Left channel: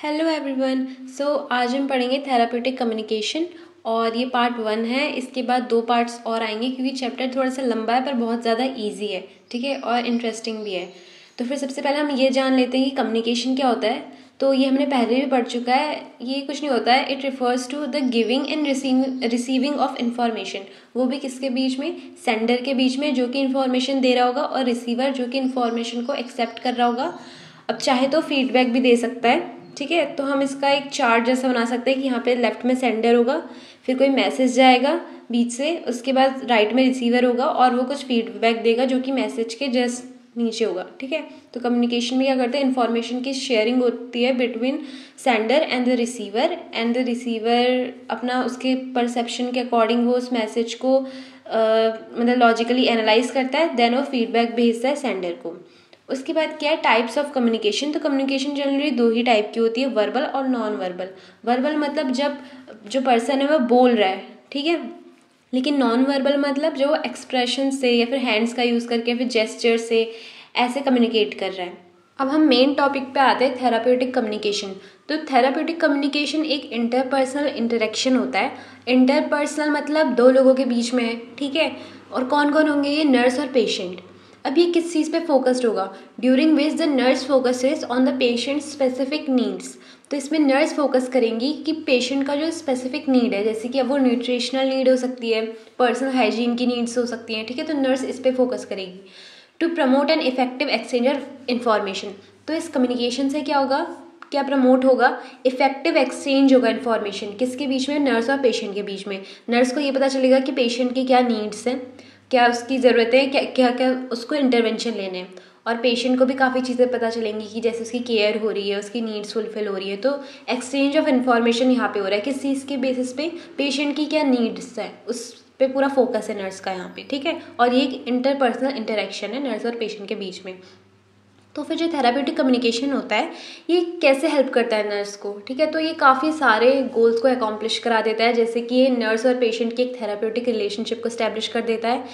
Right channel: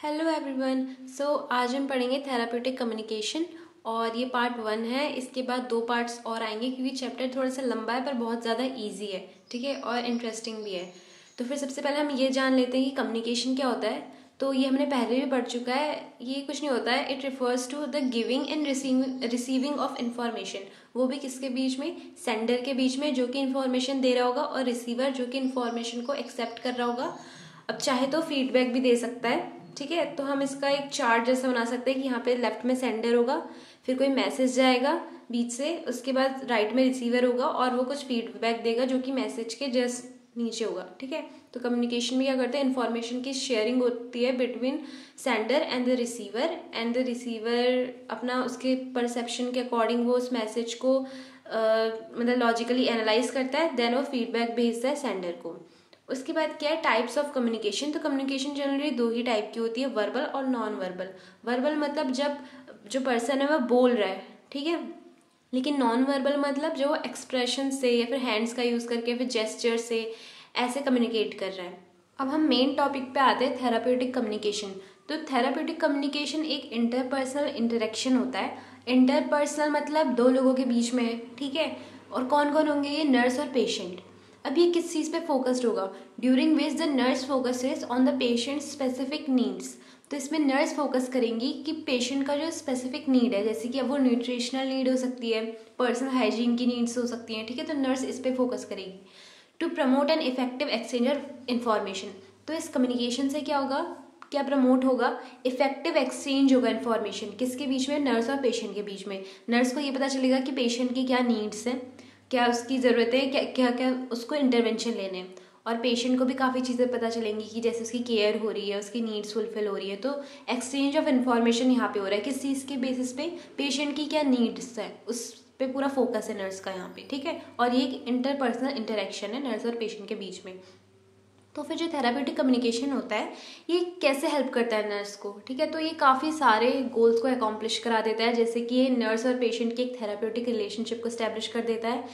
Hello everyone. आज हम पढ़ेंगे थेराप्यूटिक कम्युनिकेशन और ये पार्ट 1 है। इसके बाद 2 पार्ट्स और आएंगे क्योंकि चैप्टर थोड़ा सा लंबा है पर बहुत ज़्यादा इजी है, ठीक है, और इंटरेस्टिंग भी है। तो फिर सबसे पहले हम ये जान लेते हैं कि कम्युनिकेशन क्या होता है। तो ये हमने पहले भी पढ़ चुका है। ये कुछ नहीं होता है, it refers to the giving and receiving of information. वो भी किसके बीच में? सेंडर के बीच में, जो कि इन्फॉर्मेशन दे रहा होगा, और रिसीवर जो कि इन्फॉर्मेशन को एक्सेप्ट कर रहा होगा। अब चाहे तो फीडबैक भी दे सकता है, ठीक है। तो हम इसका एक चार्ट जैसा बना सकते हैं कि यहाँ पे लेफ्ट में सेंडर होगा, फिर कोई मैसेज जाएगा बीच से, उसके बाद राइट में रिसीवर होगा और वो कुछ फीडबैक देगा जो कि मैसेज के जस्ट नीचे होगा, ठीक है। तो कम्युनिकेशन में क्या करते हैं, इन्फॉर्मेशन की शेयरिंग होती है between sender and the receiver, and the receiver अपना उसके परसेप्शन के अकॉर्डिंग वो उस मैसेज को मतलब लॉजिकली एनालाइज करता है, देन वो फीडबैक भेजता है सेंडर को। उसके बाद क्या है, टाइप्स ऑफ कम्युनिकेशन। तो कम्युनिकेशन जनरली 2 ही टाइप की होती है, वर्बल और नॉन वर्बल। वर्बल मतलब जब जो पर्सन है वह बोल रहा है, ठीक है, लेकिन नॉन वर्बल मतलब जो एक्सप्रेशन से या फिर हैंड्स का यूज़ करके फिर जेस्चर से ऐसे कम्युनिकेट कर रहा है। अब हम मेन टॉपिक पे आते हैं, थेराप्यूटिक कम्युनिकेशन। तो थेराप्यूटिक कम्युनिकेशन एक इंटरपर्सनल इंटरेक्शन होता है। इंटरपर्सनल मतलब 2 लोगों के बीच में है, ठीक है। और कौन कौन होंगे ये? नर्स और पेशेंट। अब ये किस चीज़ पे फोकस्ड होगा? During which the nurse focuses on the patient specific needs. तो इसमें नर्स फोकस करेंगी कि पेशेंट का जो स्पेसिफिक नीड है, जैसे कि अब वो न्यूट्रिशनल नीड हो सकती है, पर्सनल हाइजीन की नीड्स हो सकती हैं, ठीक है। तो नर्स इस पे फोकस करेगी to promote an effective exchange of information. तो इस कम्युनिकेशन से क्या होगा, क्या प्रमोट होगा? इफेक्टिव एक्सचेंज होगा इन्फॉर्मेशन, किसके बीच में? नर्स और पेशेंट के बीच में। नर्स को ये पता चलेगा कि पेशेंट की क्या नीड्स हैं, क्या उसकी ज़रूरत है, क्या क्या क्या उसको इंटरवेंशन लेने हैं। और पेशेंट को भी काफ़ी चीज़ें पता चलेंगी कि जैसे उसकी केयर हो रही है, उसकी नीड्स फुलफिल हो रही है। तो एक्सचेंज ऑफ इन्फॉर्मेशन यहाँ पे हो रहा है, किस चीज़ के बेसिस पे? पेशेंट की क्या नीड्स है, उस पे पूरा फोकस है नर्स का यहाँ पे, ठीक है। और ये एक इंटरपर्सनल इंटरेक्शन है नर्स और पेशेंट के बीच में। तो फिर जो थेराप्यूटिक कम्युनिकेशन होता है ये कैसे हेल्प करता है नर्स को, ठीक है। तो ये काफ़ी सारे गोल्स को अकॉम्प्लिश करा देता है, जैसे कि ये नर्स और पेशेंट की एक थेराप्यूटिक रिलेशनशिप को स्टैब्लिश कर देता है।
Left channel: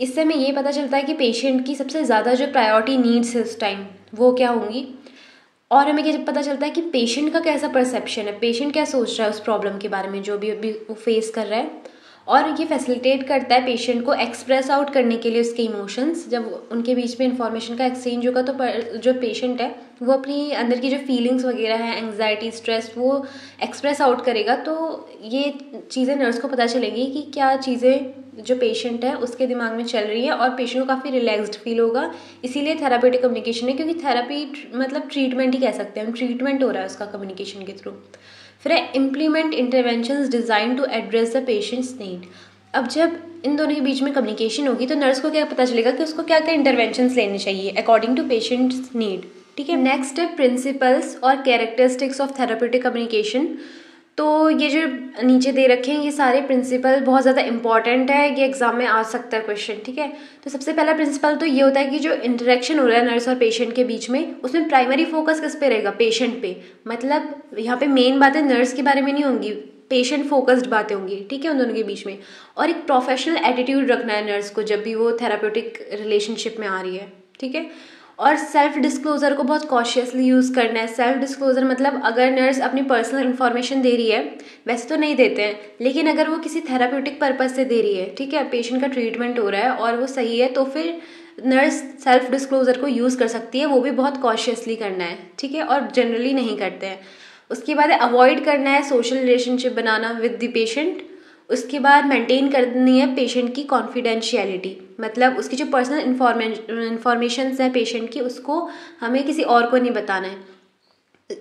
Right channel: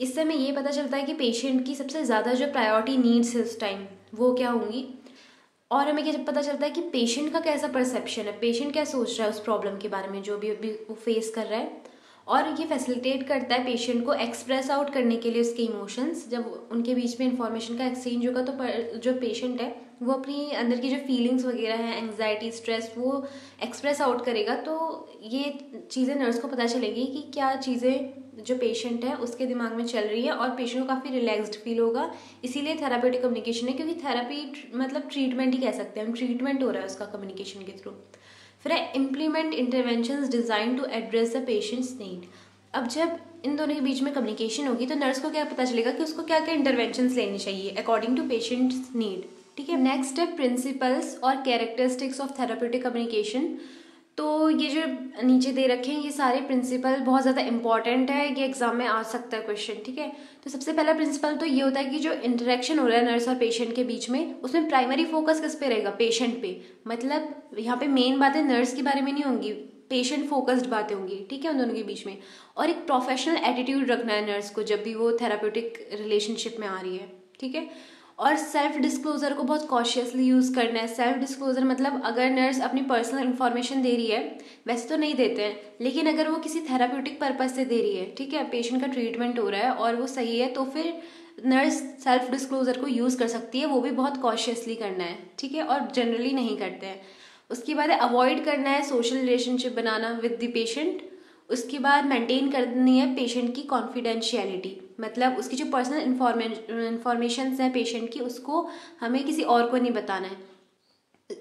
इससे हमें ये पता चलता है कि पेशेंट की सबसे ज़्यादा जो प्रायोरिटी नीड्स है उस टाइम वो क्या होंगी। और हमें क्या पता चलता है कि पेशेंट का कैसा परसेप्शन है, पेशेंट क्या सोच रहा है उस प्रॉब्लम के बारे में जो भी अभी वो फेस कर रहा है। और ये फैसिलिटेट करता है पेशेंट को एक्सप्रेस आउट करने के लिए उसके इमोशंस। जब उनके बीच में इंफॉर्मेशन का एक्सचेंज होगा तो जो पेशेंट है वो अपनी अंदर की जो फीलिंग्स वगैरह है, एंग्जाइटी, स्ट्रेस, वो एक्सप्रेस आउट करेगा। तो ये चीज़ें नर्स को पता चलेंगी कि क्या चीज़ें जो पेशेंट है उसके दिमाग में चल रही है, और पेशेंट को काफ़ी रिलैक्स्ड फील होगा। इसीलिए थेराप्यूटिक कम्युनिकेशन है, क्योंकि थेरापी मतलब ट्रीटमेंट ही कह सकते हैं हम, ट्रीटमेंट हो रहा है उसका कम्युनिकेशन के थ्रू। फिर है implement interventions design to address the patients need. अब जब इन दोनों के बीच में कम्युनिकेशन होगी तो नर्स को क्या पता चलेगा कि उसको क्या क्या इंटरवेंशंस लेने चाहिए अकॉर्डिंग टू पेशेंट्स नीड, ठीक है। नेक्स्ट है प्रिंसिपल्स और कैरेक्टरिस्टिक्स ऑफ थेराप्यूटिक कम्युनिकेशन। तो ये जो नीचे दे रखे हैं ये सारे प्रिंसिपल बहुत ज़्यादा इंपॉर्टेंट है, ये एग्जाम में आ सकता है क्वेश्चन, ठीक है। तो सबसे पहला प्रिंसिपल तो ये होता है कि जो इंटरेक्शन हो रहा है नर्स और पेशेंट के बीच में उसमें प्राइमरी फोकस किस पे रहेगा? पेशेंट पे। मतलब यहाँ पे मेन बातें नर्स के बारे में नहीं होंगी, पेशेंट फोकस्ड बातें होंगी, ठीक है, उन दोनों के बीच में। और एक प्रोफेशनल एटीट्यूड रखना है नर्स को जब भी वो थेराप्यूटिक रिलेशनशिप में आ रही है, ठीक है। और सेल्फ डिस्क्लोजर को बहुत कॉशियसली यूज़ करना है। सेल्फ डिस्क्लोजर मतलब अगर नर्स अपनी पर्सनल इन्फॉर्मेशन दे रही है, वैसे तो नहीं देते हैं, लेकिन अगर वो किसी थेराप्यूटिक पर्पज से दे रही है, ठीक है, पेशेंट का ट्रीटमेंट हो रहा है और वो सही है, तो फिर नर्स सेल्फ डिस्क्लोजर को यूज़ कर सकती है। वो भी बहुत कॉशियसली करना है, ठीक है, और जनरली नहीं करते हैं। उसके बाद अवॉइड करना है social relationship banana with the patient. उसके बाद मेंटेन करनी है पेशेंट की कॉन्फिडेंशियलिटी, मतलब उसकी जो पर्सनल इन्फॉर्मेशन है पेशेंट की उसको हमें किसी और को नहीं बताना है।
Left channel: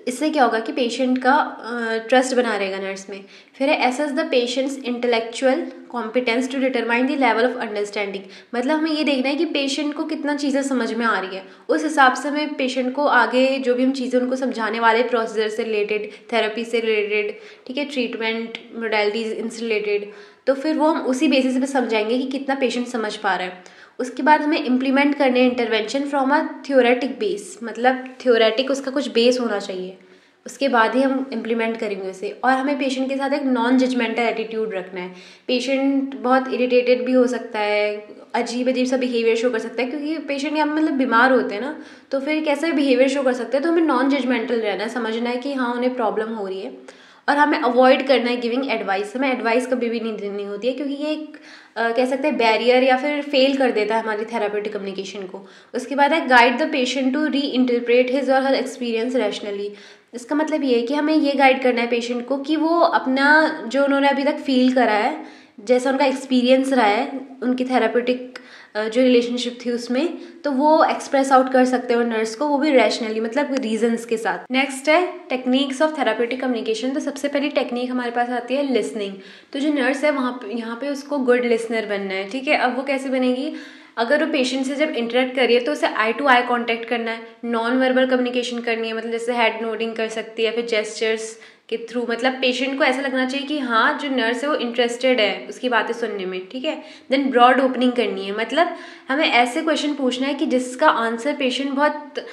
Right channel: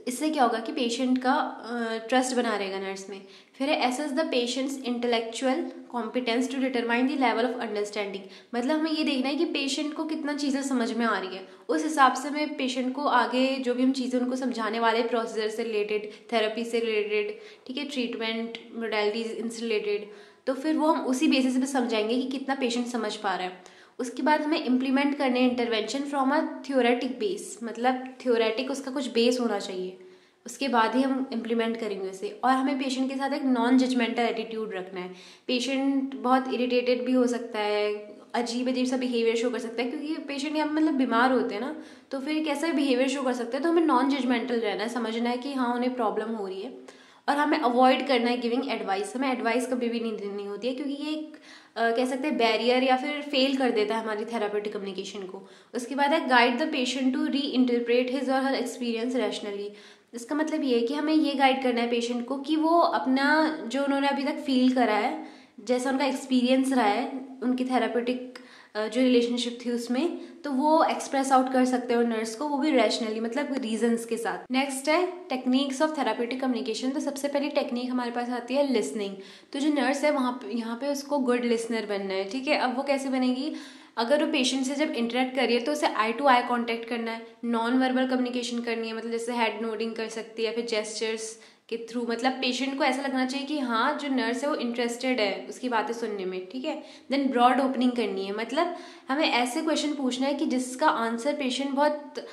इससे क्या होगा कि पेशेंट का ट्रस्ट बना रहेगा नर्स में। फिर है assess the patients intellectual competence to determine the level of understanding. मतलब हमें ये देखना है कि पेशेंट को कितना चीज़ें समझ में आ रही है, उस हिसाब से हमें पेशेंट को आगे जो भी हम चीज़ें उनको समझाने वाले प्रोसीजर से रिलेटेड, थेरेपी से रिलेटेड, ठीक है, ट्रीटमेंट मोडालिटीज इनसे रिलेटेड, तो फिर वो हम उसी बेसिस पे समझाएंगे कि कितना पेशेंट समझ पा रहा है। उसके बाद हमें इम्प्लीमेंट करने intervention from a theoretic base, मतलब थ्योरेटिक उसका कुछ बेस होना चाहिए। उसके बाद ही हम इम्प्लीमेंट करेंगे उसे। और हमें पेशेंट के साथ एक नॉन जजमेंटल एटीट्यूड रखना है। पेशेंट बहुत इरिटेटेड भी हो सकता है, अजीब अजीब सा बिहेवियर शो कर सकता है, क्योंकि पेशेंट यहाँ मतलब बीमार होते हैं ना, तो फिर कैसा बिहेवियर शो कर सकते हैं। तो हमें नॉन जजमेंटल रहना है, समझना है कि हाँ उन्हें प्रॉब्लम हो रही है। और हमें अवॉइड करना है गिविंग एडवाइस। हमें एडवाइस कभी भी नहीं देनी होती है, क्योंकि ये एक कह सकते हैं बैरियर या फिर फेल कर देता है हमारी थेरापेटिक कम्युनिकेशन को। उसके बाद है guide the patient to reinterpret his और हर एक्सपीरियंस रैशनली। इसका मतलब ये है कि हमें ये गाइड करना है पेशेंट को कि वो अपना जो उन्होंने अभी तक फील करा है, जैसा उनका एक्सपीरियंस रहा है उनकी थेरापेटिक जो रिलेशनशिप थी उसमें, तो वो एक्सप्रेस आउट कर सकते हो नर्स को, वो भी रैशनली, मतलब रीजंस के साथ। नेक्स्ट है टेक्निक्स ऑफ थेरापेटिक कम्युनिकेशन। तो सबसे पहली टेक्निक हमारे पास आती है लिसनिंग। तो जो नर्स है वहाँ पे यहाँ पे उसको गुड लिसनर बनना है, ठीक है। अब वो कैसे बनेगी, अगर वो पेशेंट से जब इंटरेक्ट करिए तो उसे आई टू आई कांटेक्ट करना है, नॉन वर्बल कम्युनिकेशन करनी है, मतलब जैसे हेड नोडिंग कर सकती है, फिर जेस्चर्स के थ्रू, मतलब पेशेंट को ऐसा लगना चाहिए कि हाँ जो नर्स है वो इंटरेस्टेड है उसकी बातें सुनने में, ठीक है। देन ब्रॉड ओपनिंग करनी है, मतलब हमें ऐसे क्वेश्चन पूछना है कि जिसका आंसर पेशेंट बहुत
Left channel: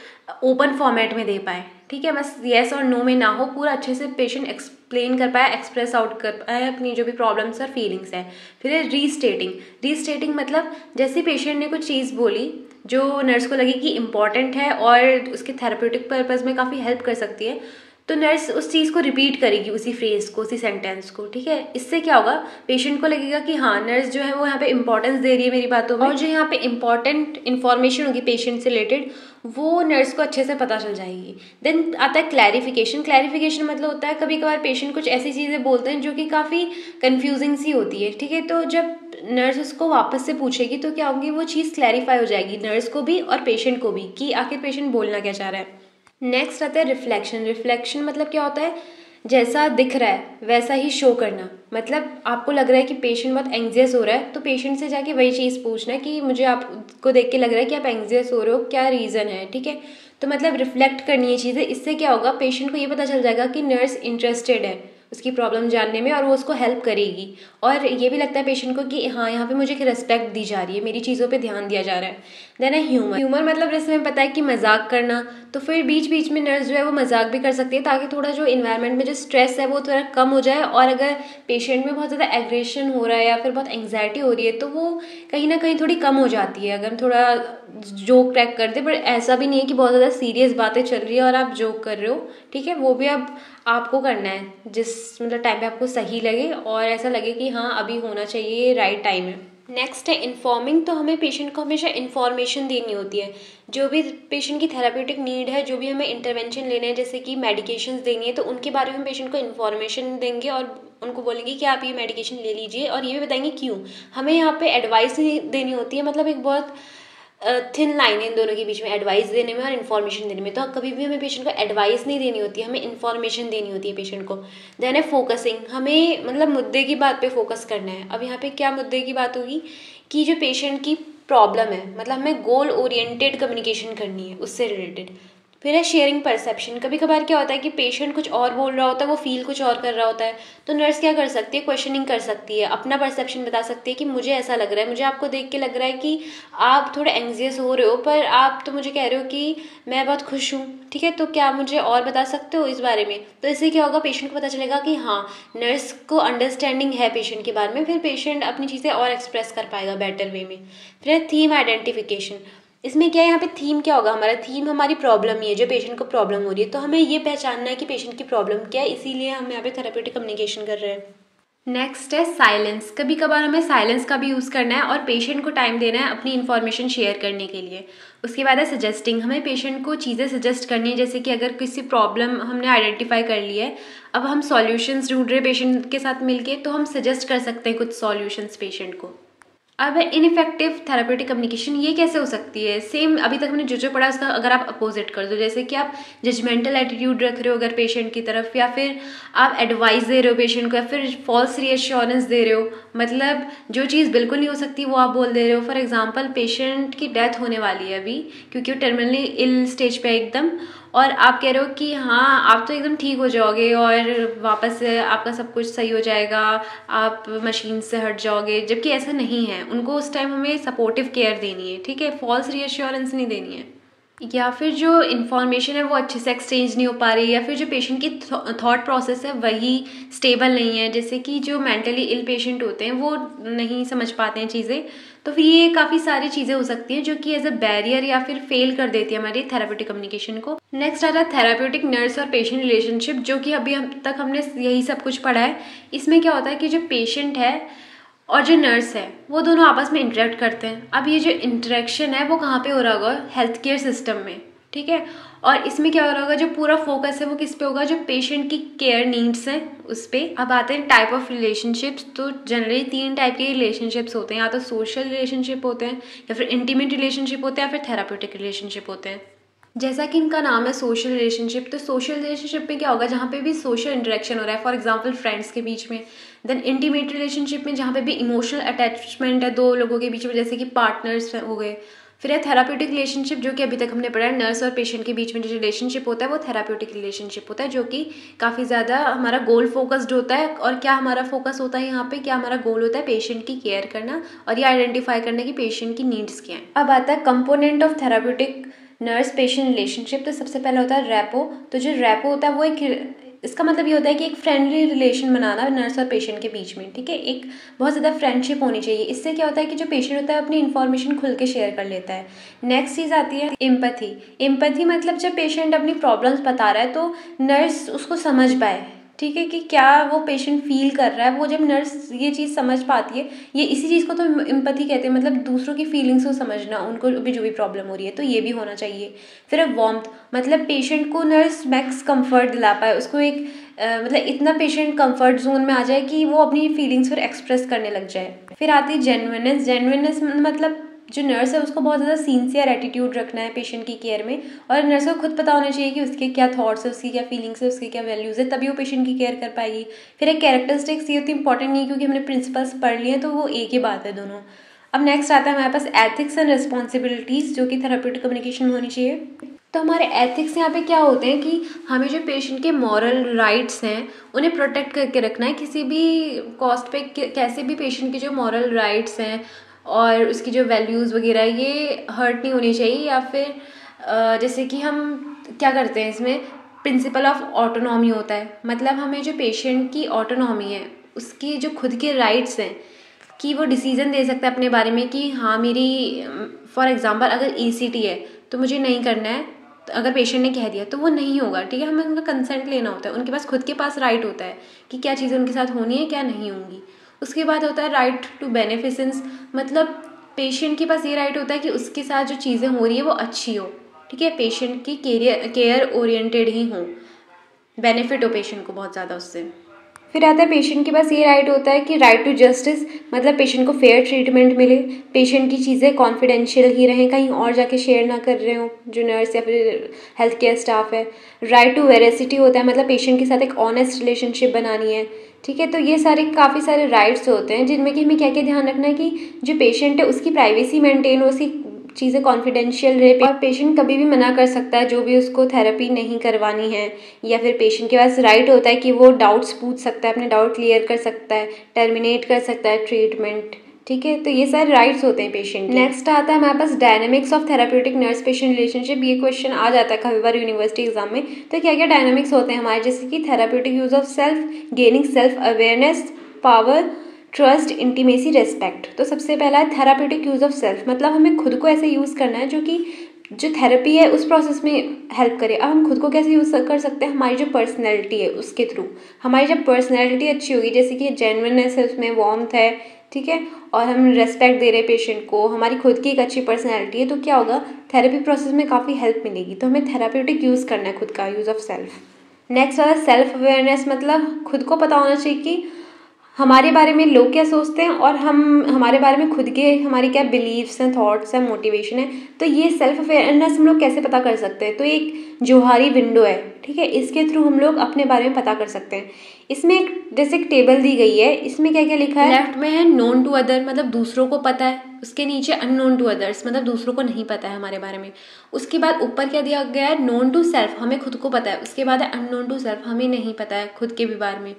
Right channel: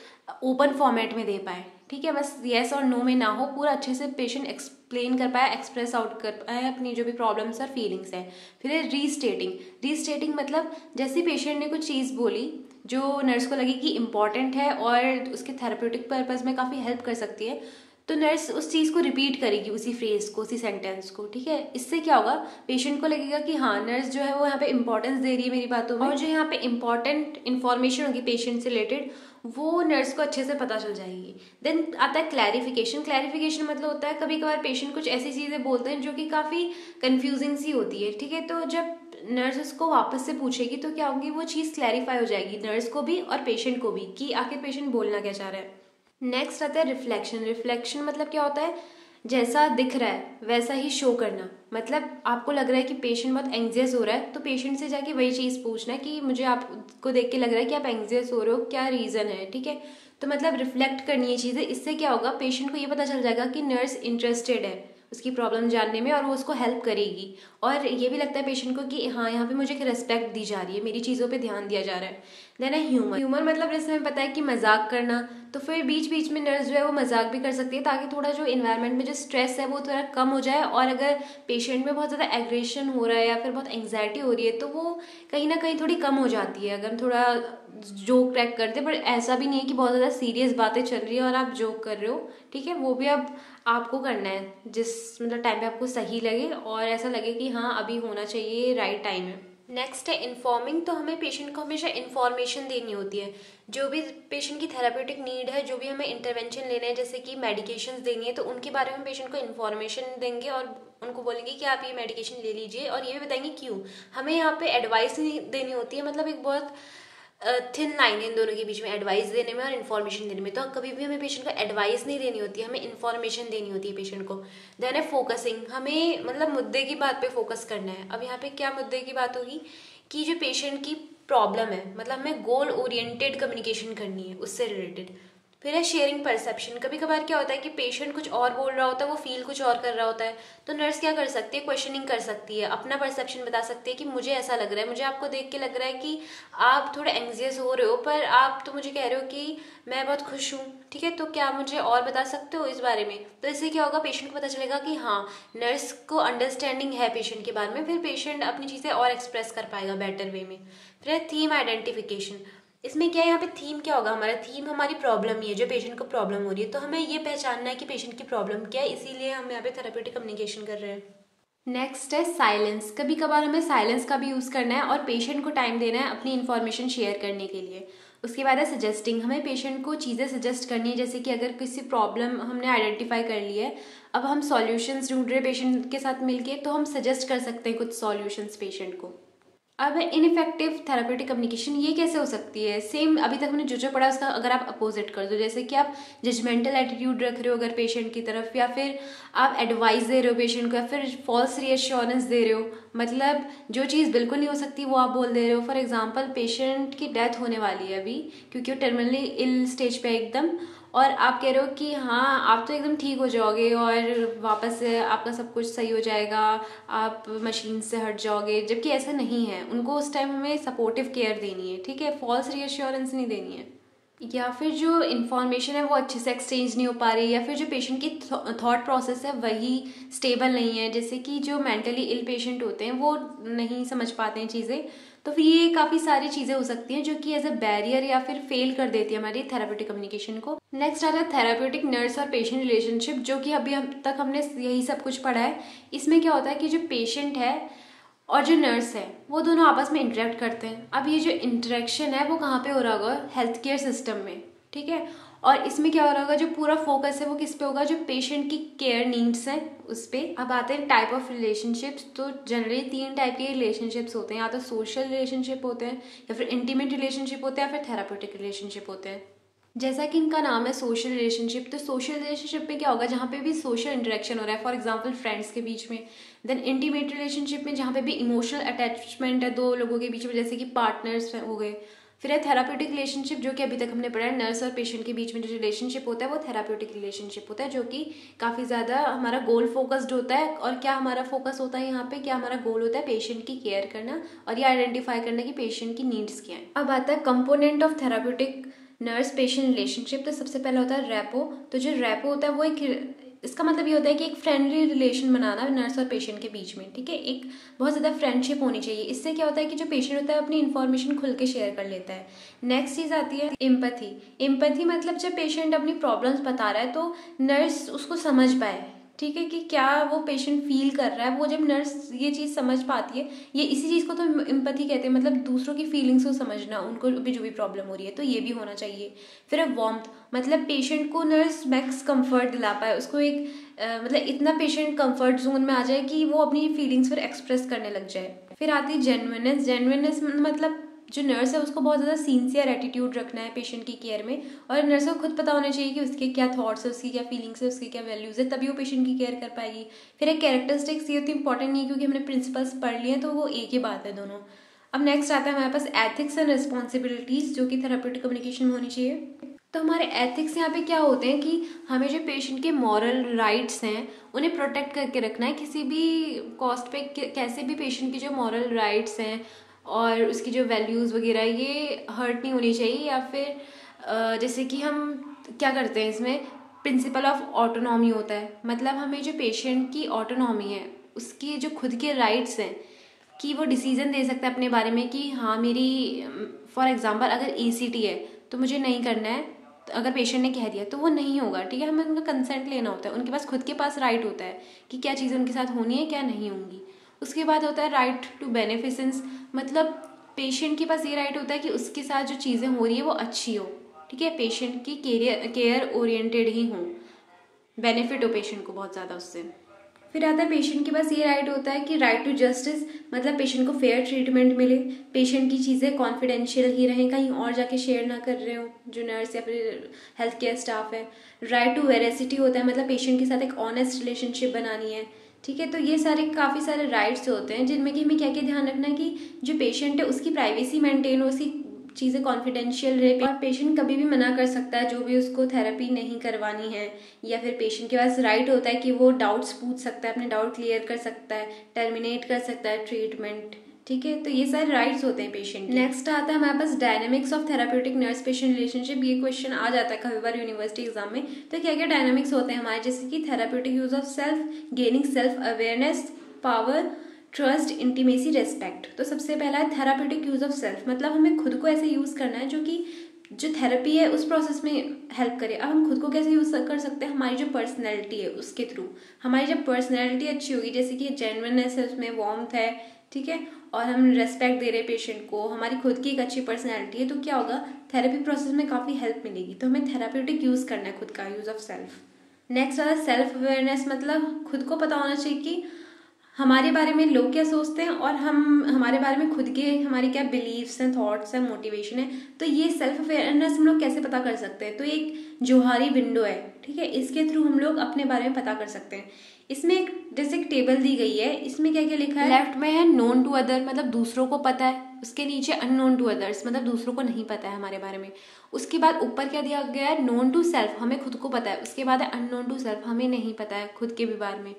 ओपन फॉर्मेट में दे पाए, ठीक है। बस येस और नो में ना हो, पूरा अच्छे से पेशेंट एक्सप्लेन कर पाए, एक्सप्रेस आउट कर पाए अपनी जो भी प्रॉब्लम्स और फीलिंग्स है। फिर है रीस्टेटिंग। रीस्टेटिंग मतलब जैसे पेशेंट ने कुछ चीज़ बोली जो नर्स को लगी कि इम्पॉर्टेंट है और उसके थेरापेटिक पर्पज़ में काफ़ी हेल्प कर सकती है, तो नर्स उस चीज़ को रिपीट करेगी, उसी फ्रेज को, उसी सेंटेंस को, ठीक है। इससे क्या होगा, पेशेंट को लगेगा कि हाँ नर्स जो है वो यहाँ पे इंपॉर्टेंस दे रही है मेरी बातों में, और जो यहाँ पे इंपॉर्टेंट इन्फॉर्मेशन होगी पेशेंट से रिलेटेड वो नर्स को अच्छे से पता चल जाएगी। देन आता है क्लैरिफिकेशन। क्लैरिफिकेशन मतलब होता है कभी कभार पेशेंट कुछ ऐसी चीज़ें बोलते हैं जो कि काफ़ी कन्फ्यूजिंग सी होती है, ठीक है। तो जब नर्स उसको वापस से पूछेगी तो क्या होगी, वो चीज़ क्लैरिफाई हो जाएगी नर्स को भी और पेशेंट को भी कि आखिर पेशेंट बोलना क्या चाह रहा है। नेक्स्ट आता है रिफ्लेक्शन। रिफ्लेक्शन मतलब क्या होता है, जैसा दिख रहा है वैसा ही शो करना। मतलब आपको लग रहा है कि पेशेंट बहुत एंग्जियस हो रहा है, तो पेशेंट से जाके वही चीज़ पूछना है कि मुझे आपको देख के लग रहा है कि आप एंग्जियस हो रहे हो, क्या रीज़न है, ठीक है। तो मतलब रिफ्लेक्ट करनी है चीज़ें। इससे क्या होगा, पेशेंट को ये पता चल जाएगा कि नर्स इंटरेस्टेड है उसकी प्रॉब्लम जानने में और वो उसको हेल्प करेगी। और ये भी लगता है पेशेंट को कि हाँ यहाँ पे मुझे रिस्पेक्ट दी जा रही है, मेरी चीज़ों पे ध्यान दिया जा रहा है। देन है ह्यूमर। ह्यूमर मतलब जैसे हमें पता है कि मजाक करना, तो फिर बीच बीच में नर्स जो है वो मजाक भी कर सकती है ताकि थोड़ा जो इन्वायरमेंट में जो स्ट्रेस है वो थोड़ा कम हो जाए। और अगर पेशेंट में बहुत ज़्यादा एग्रेशन हो रहा है या फिर बहुत एंग्जाइटी हो रही है तो वो कहीं ना कहीं थोड़ी कम हो जाती है अगर हम थोड़ा जोक क्रैक करते। बट ऐसा भी नहीं है कि बहुत ज़्यादा सीरियस बातें चल रही है और आप जोक कर रहे हो, ठीक है। वो भी अब आपको करना है जिस मतलब टाइम पे आपको सही लगे और ऐसा लगे कि हाँ अभी होना चाहिए, राइट टाइम है। नेक्स्ट है इन्फॉर्मिंग। तो हमें पेशेंट को हमेशा इन्फॉर्मेशन देनी होती है, जो भी पेशेंट की थेरापेटिक नीड है, जो भी हमें इंटरवेंशन लेने हैं, जैसे कि मेडिकेशंस देनी है, तो उनके बारे में हम पेशेंट को इन्फॉर्मेशन देंगे और उनको बोलेंगे कि आप ये मेडिकेशन ले लीजिए और ये भी बताएंगे क्यों। हमें यहाँ पे एडवाइस नहीं देनी होती है, मतलब एक बहुत थिन लाइन है इन दोनों के बीच में, एडवाइस देने में और इन्फॉर्मेशन देने में। तो कभी भी हमें पेशेंट को एडवाइस नहीं देनी होती है, हमें इन्फॉर्मेशन देनी होती है पेशेंट को। देन है फोकसिंग। हमें मतलब मुद्दे की बात पे फोकस करना है। अब यहाँ पे क्या मुद्दे की बात होगी कि जो पेशेंट की प्रॉब्लम है, मतलब हमें गोल ओरिएंटेड कम्युनिकेशन करनी है उससे रिलेटेड। फिर है शेयरिंग परसेप्शन। कभी कभार क्या होता है कि पेशेंट कुछ और बोल रहा होता है, वो फील कुछ और कर रहा होता है, तो नर्स क्या कर सकती है, क्वेश्चनिंग कर सकती है, अपना परसेप्शन बता सकती है कि मुझे ऐसा लग रहा है, मुझे आपको देख के लग रहा है कि आप थोड़े एंग्जियस हो रहे हो, पर आप तो मुझे कह रहे हो कि मैं बहुत खुश हूँ, ठीक है। तो क्या मुझे और बता सकते हो इस बारे में। तो इससे क्या होगा, पेशेंट को पता चलेगा कि हाँ नर्स को अंडरस्टैंडिंग है पेशेंट के बारे में, फिर पेशेंट अपनी चीज़ें और एक्सप्रेस कर पाएगा बेटर वे में। फिर थीम आइडेंटिफिकेशन। इसमें क्या है, यहाँ पे थीम क्या होगा, हमारा थीम हमारी प्रॉब्लम ही है, जो पेशेंट को प्रॉब्लम हो रही है, तो हमें ये पहचानना है कि पेशेंट की प्रॉब्लम क्या है, इसीलिए हम यहाँ पे थेरेपेटिक कम्युनिकेशन कर रहे हैं। नेक्स्ट है साइलेंस। कभी कभार हमें साइलेंस का भी यूज़ करना है और पेशेंट को टाइम देना है अपनी इन्फॉर्मेशन शेयर करने के लिए। उसके बाद है सजेस्टिंग। हमें पेशेंट को चीज़ें सजेस्ट करनी है, जैसे कि अगर किसी प्रॉब्लम हमने आइडेंटिफाई कर ली है, अब हम सॉल्यूशंस ढूंढ रहे हैं पेशेंट के साथ मिलके, तो हम सजेस्ट कर सकते हैं कुछ सॉल्यूशंस पेशेंट को। अब इनफेक्टिव थेरापेटिक कम्युनिकेशन, ये कैसे हो सकती है, सेम अभी तक हमने जो पढ़ा उसका अगर आप अपोजिट कर दो, जैसे कि आप जजमेंटल एटीट्यूड रख रहे हो अगर पेशेंट की तरफ, या फिर आप एडवाइस दे रहे हो पेशेंट को, या फिर फॉल्स रीअश्योरेंस दे रहे हो, मतलब जो चीज़ बिल्कुल नहीं हो सकती वो आप बोल दे रहे हो। फॉर एग्जाम्पल पेशेंट की डेथ होने वाली है अभी, क्योंकि वो टर्मिनली इल स्टेज पे एकदम, और आप कह रहे हो कि हाँ आप तो एकदम ठीक हो जाओगे और वापस से आपका सब कुछ सही हो जाएगा, आप मशीन से हट जाओगे, जबकि ऐसा नहीं है। उनको उस टाइम हमें सपोर्टिव केयर देनी है, ठीक है, फॉल्स रीअश्योरेंस नहीं देनी है। या फिर जो इन्फॉर्मेशन है वो अच्छे से एक्सचेंज नहीं हो पा रही, या फिर जो पेशेंट की थॉट प्रोसेस है वही स्टेबल नहीं है, जैसे कि जो मेंटली इल पेशेंट होते हैं वो नहीं समझ पाते हैं चीज़ें। तो फिर ये काफ़ी सारी चीज़ें हो सकती हैं जो कि एज अ बैरियर या फिर फेल कर देती है हमारी थेराप्यूटिक कम्युनिकेशन को। नेक्स्ट आता है थेराप्यूटिक नर्स और पेशेंट रिलेशनशिप, जो कि अभी तक हमने यही सब कुछ पढ़ा है। इसमें क्या होता है कि जो पेशेंट है और जो नर्स है वो दोनों आपस में इंटरेक्ट करते हैं। अब ये जो इंटरेक्शन है वो कहाँ पे हो रहा होगा, हेल्थ केयर सिस्टम में, ठीक है। और इसमें क्या हो रहा होगा, जो पूरा फोकस है वो किस पे होगा, जो पेशेंट की केयर नीड्स हैं उस पर। अब आते हैं टाइप ऑफ रिलेशनशिप्स। तो जनरली 3 टाइप के रिलेशनशिप्स होते हैं, या तो सोशल रिलेशनशिप होते हैं, या फिर इंटीमेट रिलेशनशिप होते हैं, या फिर थेराप्यूटिक रिलेशनशिप होते हैं। जैसा कि इनका नाम है सोशल रिलेशनशिप, तो सोशल रिलेशनशिप में क्या होगा, जहाँ पे भी सोशल इंटरेक्शन हो रहा है, फॉर एग्जांपल फ्रेंड्स के बीच में। देन इंटीमेट रिलेशनशिप में जहाँ पे भी इमोशनल अटैचमेंट है 2 लोगों के बीच में, जैसे कि पार्टनर्स हो गए। फिर है थेराप्यूटिक रिलेशनशिप, जो कि अभी तक हमने पढ़ा है, नर्स और पेशेंट के बीच में जो रिलेशनशिप होता है वो थेराप्यूटिक रिलेशनशिप होता है, जो कि काफ़ी ज़्यादा हमारा गोल फोकस्ड होता है। और क्या हमारा फोकस होता है यहाँ पे, क्या हमारा गोल होता है, पेशेंट की केयर करना और ये आइडेंटिफाई करना कि पेशेंट की नीड्स क्या हैं। अब आता है component of therapeutic nurse patient relationship. तो सबसे पहला होता है रैपो। तो जो रैपो होता है वो एक, इसका मतलब ये होता है कि एक फ्रेंडली रिलेशन बनाना नर्स और पेशेंट के बीच में, ठीक है। एक बहुत ज़्यादा फ्रेंडशिप होनी चाहिए। इससे क्या होता है कि जो पेशेंट होता है अपनी इन्फॉर्मेशन खुल के शेयर कर लेता है। नेक्स्ट चीज़ आती है एम्पैथी। एम्पैथी मतलब जब पेशेंट अपनी प्रॉब्लम्स बता रहा है तो नर्स उसको समझ पाए, ठीक है, कि क्या वो पेशेंट फील कर रहा है। वो जब नर्स ये चीज़ समझ पाती है, ये इसी चीज़ को तो एम्पैथी कहते हैं, मतलब दूसरों की फीलिंग्स को समझना, उनको भी जो भी प्रॉब्लम हो रही है, तो ये भी होना चाहिए। फिर है वार्मथ, मतलब पेशेंट को नर्स मैक्स कंफर्ट दिला पाए, उसको एक मतलब इतना पेशेंट कंफर्ट जोन में आ जाए कि वो अपनी फीलिंग्स फिर एक्सप्रेस करने लग जाए। फिर आती है जेन्युइननेस। जेन्युइननेस मतलब जो नर्स है उसको बहुत ज़्यादा सिंसियर एटीट्यूड रखना है पेशेंट की केयर में, और नर्स को खुद पता होना चाहिए कि उसके क्या थॉट्स है, उसकी क्या फीलिंग्स है, उसकी क्या वैल्यूज़ है, तभी वो पेशेंट की केयर कर पाएगी। फिर एक कैरेक्टरिस्टिक्स, ये उतनी इंपॉर्टेंट नहीं है क्योंकि हमने प्रिंसिपल्स पढ़ लिए हैं, तो वो एक ही बात है दोनों। अब नेक्स्ट आता है हमारे पास एथिक्स एंड रिस्पॉन्सिबिलिटीज़, जो कि थेराप्यूटिक कम्युनिकेशन में होनी चाहिए। तो हमारे एथिक्स यहाँ पे क्या होते हैं कि हमें जो पेशेंट के मॉरल राइट्स हैं उन्हें प्रोटेक्ट करके रखना है। किसी भी कॉस्ट पे कैसे भी पेशेंट के जो मॉरल राइट्स हैं और उसकी जो वैल्यूज़ वगैरह ये हर्ट नहीं होनी चाहिए। या फिर जैसे कि हम क्या करते हैं इसमें, प्रिंसिपल ऑफ ऑटोनॉमी होता है, मतलब हमें जो पेशेंट की ऑटोनॉमी है, उसकी जो खुद के राइट्स हैं कि वो डिसीजन दे सकता है अपने बारे में कि हाँ मेरी, फॉर एग्जांपल अगर ईसीटी है तो मुझे नहीं करना है, तो अगर पेशेंट ने कह दिया तो वो नहीं होगा, ठीक है। हमें उनका कंसेंट लेना होता है, उनके पास खुद के पास राइट होता है कि क्या चीज़ें उनके साथ होनी है क्या नहीं होंगी। उसके बाद होता है राइट टू बेनिफिसेंस, मतलब पेशेंट के पास ये राइट होता है कि उसके साथ जो चीज़ें हो रही है वो अच्छी हो, ठीक है, पेशेंट की केयर ओरिएंटेड ही हो, बेनिफिट हो पेशेंट को बहुत ज़्यादा उससे। फिर आता है पेशेंट के पास ये राइट होता है कि राइट टू जस्टिस, मतलब पेशेंट को फेयर ट्रीटमेंट मिले, पेशेंट की चीज़ें कॉन्फिडेंशियल ही रहें, कहीं और जाके शेयर ना कर रहे हो जो नर्स या फिर हेल्थ केयर स्टाफ है। राइट टू वेरासिटी होता है, मतलब पेशेंट के साथ एक ऑनेस्ट रिलेशनशिप बनानी है, ठीक है। तो ये सारे काफ़ी सारे राइट्स होते हैं जिनमें कि हमें क्या क्या ध्यान रखना है कि जो पेशेंट है उसकी प्राइवेसी मेंटेन हो, उसकी चीज़ें कॉन्फिडेंशियल रहे, और पेशेंट कभी भी मना कर सकता है जो भी उसको थेरेपी नहीं करवानी है। या फिर पेशेंट के पास राइट होता है कि वो डाउट्स पूछ सकता है, अपने डाउट क्लियर कर सकता है, टर्मिनेट कर सकता है ट्रीटमेंट, ठीक है। तो ये सारे राइट्स होते हैं पेशेंट। नेक्स्ट आता है हमारे पास dynamics of therapeutic nurse patient relationship. ये क्वेश्चन आ जाता है काफी बार यूनिवर्सिटी एग्जाम में। तो क्या क्या डायनामिक्स होते हैं हमारे, जैसे कि therapeutic use of self, gaining self awareness, power, trust, intimacy, respect. तो सबसे पहला है थेराप्यूटिक यूज ऑफ सेल्फ, मतलब हमें खुद को ऐसे यूज करना है जो कि जो थेरेपी है उस प्रोसेस में हेल्प करे। अब हम खुद को कैसे यूज कर सकते हैं, हमारी जो पर्सनैलिटी है उसके थ्रू। हमारी जब पर्सनैलिटी अच्छी होगी, जैसे कि जेन्युइननेस है, उसमें वार्मथ है, ठीक है, और हम रेस्पेक्ट दे रहे हैं पेशेंट को, हमारी खुद की एक अच्छी पर्सनैलिटी है, तो क्या होगा, थेरेपी प्रोसेस में काफ़ी हेल्प मिलेगी। तो हमें थेराप्यूटिक यूज़ करना है खुद का, यूज़ ऑफ सेल्फ। नेक्स्ट वाला सेल्फ अवेयरनेस, मतलब खुद को पता होना चाहिए कि हमारे बारे में लोग क्या सोचते हैं और हम हमारे बारे में खुद के हमारी क्या बिलीव्स हैं, थॉट्स हैं, मोटिवेशन है। तो ये सेल्फ अवेयरनेस हम लोग कैसे पता कर सकते हैं, तो एक जोहारी विंडो है, ठीक है, इसके थ्रू हम लोग अपने बारे में पता कर सकते हैं। इसमें एक जैसे एक टेबल दी गई है, इसमें क्या क्या लिखा है, लेफ्ट में है नोन टू अदर, मतलब दूसरों को पता है, उसके नीचे अननोन टू अदर्स, मतलब दूसरों को नहीं पता है हमारे बारे में। उसके बाद ऊपर क्या दिया गया है, नोन टू सेल्फ, हमें खुद को पता है। उसके बाद है अननोन टू सेल्फ, हमें नहीं पता है खुद के भी बारे में।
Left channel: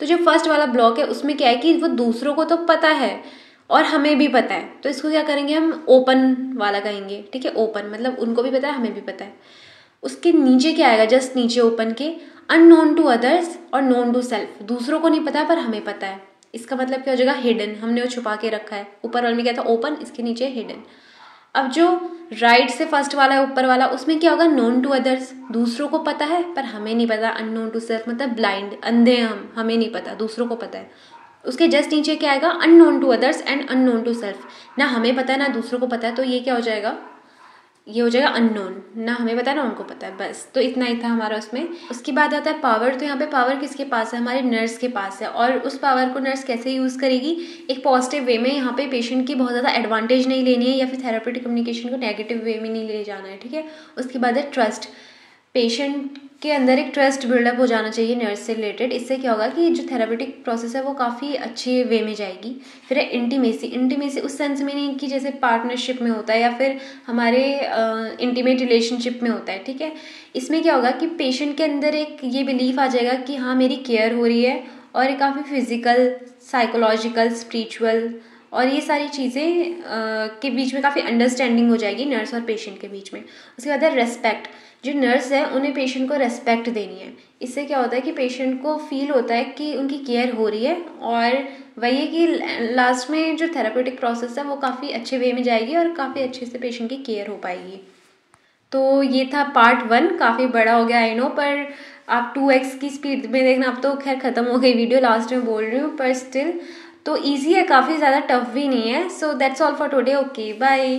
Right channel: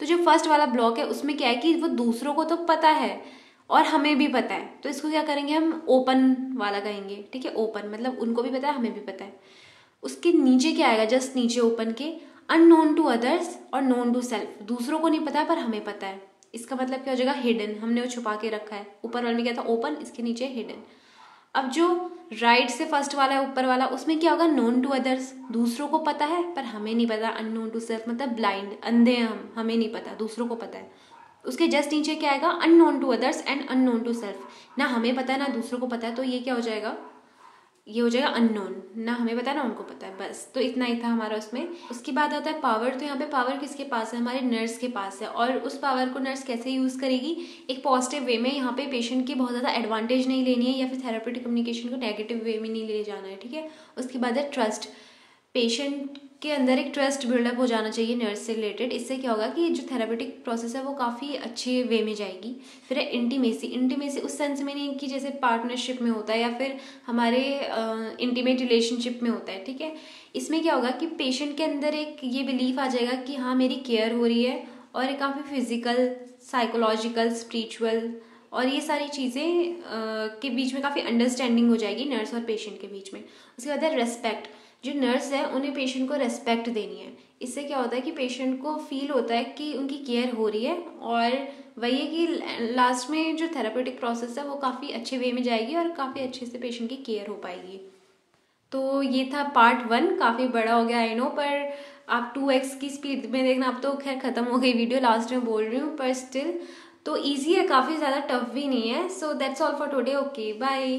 तो जो फर्स्ट वाला ब्लॉक है उसमें क्या है कि वो दूसरों को तो पता है और हमें भी पता है, तो इसको क्या करेंगे हम, ओपन वाला कहेंगे, ठीक है। ओपन मतलब उनको भी पता है, हमें भी पता है। उसके नीचे क्या आएगा, जस्ट नीचे ओपन के, अननोन टू अदर्स और नोन टू सेल्फ, दूसरों को नहीं पता है पर हमें पता है। इसका मतलब क्या हो जाएगा, हिडन, हमने वो छुपा के रखा है। ऊपर वाले में क्या था, ओपन, इसके नीचे हिडन। अब जो राइट से फर्स्ट वाला है, ऊपर वाला, उसमें क्या होगा, नोन टू अदर्स, दूसरों को पता है पर हमें नहीं पता। अननोन टू सेल्फ मतलब ब्लाइंड, अंधे हम, हमें नहीं पता, दूसरों को पता है। उसके जस्ट नीचे क्या आएगा, unknown to others and unknown to self, ना हमें पता है ना दूसरों को पता है, तो ये क्या हो जाएगा, ये हो जाएगा अननोन, ना हमें पता है ना उनको पता है। बस, तो इतना ही था हमारा उसमें। उसके बाद आता है पावर। तो यहाँ पे पावर किसके पास है, हमारे नर्स के पास है। और उस पावर को नर्स कैसे यूज़ करेगी, एक पॉजिटिव वे में। यहाँ पे पेशेंट की बहुत ज़्यादा एडवांटेज नहीं लेनी है, या फिर थेरेपेटिक कम्युनिकेशन को नेगेटिव वे में नहीं ले जाना है, ठीक है। उसके बाद है ट्रस्ट। पेशेंट के अंदर एक ट्रस्ट बिल्डअप हो जाना चाहिए नर्स से रिलेटेड। इससे क्या होगा कि जो थेरेपेटिक प्रोसेस है वो काफ़ी अच्छे वे में जाएगी। फिर है इंटीमेसी। इंटीमेसी उस सेंस में नहीं कि जैसे पार्टनरशिप में होता है या फिर हमारे इंटीमेट रिलेशनशिप में होता है, ठीक है। इसमें क्या होगा कि पेशेंट के अंदर एक ये बिलीफ आ जाएगा कि हाँ मेरी केयर हो रही है, और ये काफ़ी फिजिकल, साइकोलॉजिकल, स्पिरिचुअल और ये सारी चीज़ें के बीच में काफ़ी अंडरस्टैंडिंग हो जाएगी नर्स और पेशेंट के बीच में। उसके बाद है रेस्पेक्ट। जो नर्स है उन्हें पेशेंट को रेस्पेक्ट देनी है। इससे क्या होता है कि पेशेंट को फील होता है कि उनकी केयर हो रही है, और वही है कि लास्ट में जो थेरेपेटिक प्रोसेस है वो काफ़ी अच्छे वे में जाएगी और काफ़ी अच्छे से पेशेंट की केयर हो पाएगी। तो ये था पार्ट 1, काफ़ी बड़ा हो गया आई नो, पर आप 2x की स्पीड में देखना। अब तो खैर ख़त्म हो गई वीडियो, लास्ट में बोल रही हूँ, पर स्टिल तो ईजी है, काफ़ी ज़्यादा टफ भी नहीं है। So that's all for today, okay bye.